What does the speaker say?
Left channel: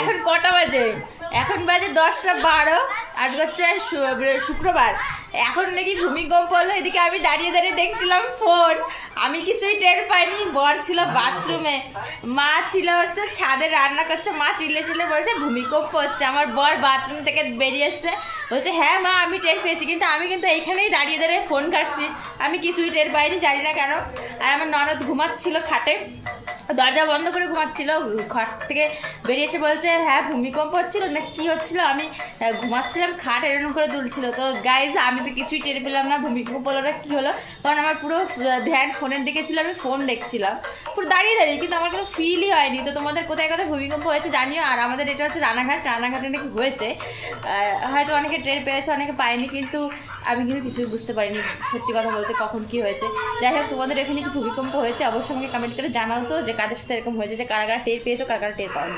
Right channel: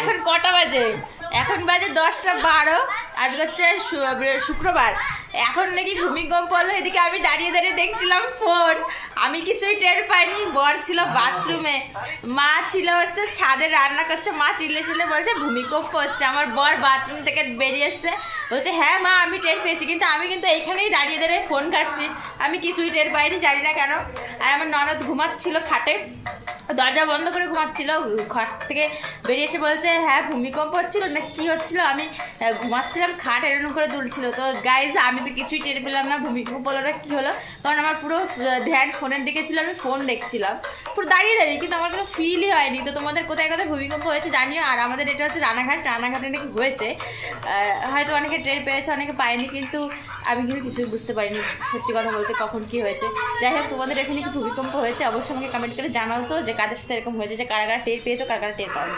এখন কটা বাজে? এখন বাজে 10:12। আজকে হচ্ছে শুক্রবার। এখন নাকি ভূমিকম্প হলো। এদিকে আমি দাঁড়িয়ে দাঁড়িয়ে দেখছিলাম ফোন, আমি কিছুই টের পাইনি। বর ছিল বাথরুমে, মা ছিল হচ্ছে ছাদে রান্না করছে। মা চিল্লে চিল্লে বলছে ভূমিকম্প হচ্ছে। আমার বর বাথরুম থেকে বেরিয়ে এসছে, বলছে হ্যাঁ মা আমি টের পেয়েছি, কিন্তু আমি কিন্তু এইখানেই দাঁড়িয়ে দাঁড়িয়ে ফোন কাটছি, আমি কিছুই টের পাইনি, জানি না কেন। আর আমার ননদ ঘুমাচ্ছিল খাটে, দরজা বন্ধ করে ঘুমাচ্ছিল। ঘর থেকে বেরিয়ে এসে বলছে হ্যাঁ ভূমিকম্প হচ্ছিল না কি হচ্ছিল, আমি ঘুমাচ্ছিলাম, খাট এরকম করে দুলছিল। তো গাইজ আমি তো কিছুই টের পেলাম না ভূমিকম্প হলো না কি হলো, কারণ আমার পুরো ধ্যান ফোনের দিকে ছিল, আমি ফোন দেখছিলাম পুরো দাঁড়িয়ে দাঁড়িয়ে, কিন্তু আমার কোনো ফিলই হয়নি। তো তোমাদের কোথায় কোথায় ভূমিকম্প হয়েছে জানিও। আর আমাদের এটা হচ্ছে রানাঘাটে নাকি হয়েছে, হয়তো অনেকে টের পেয়েছে অনেকে পায়নি, কিন্তু আমি কিন্তু কিছুই বুঝতে পারিনি সত্যি কথা বলতে কখন কি হয়েছে। যাই হোক, তোমাদের এখানে কি ভূমিকম্প হয়েছে অবশ্যই আমাকে কমেন্ট করে জানাও তো, যে কাদের সাথে এরকম হয়েছে, যে কারা কারা টের পেয়েছো কারা কারা টের পাওনি।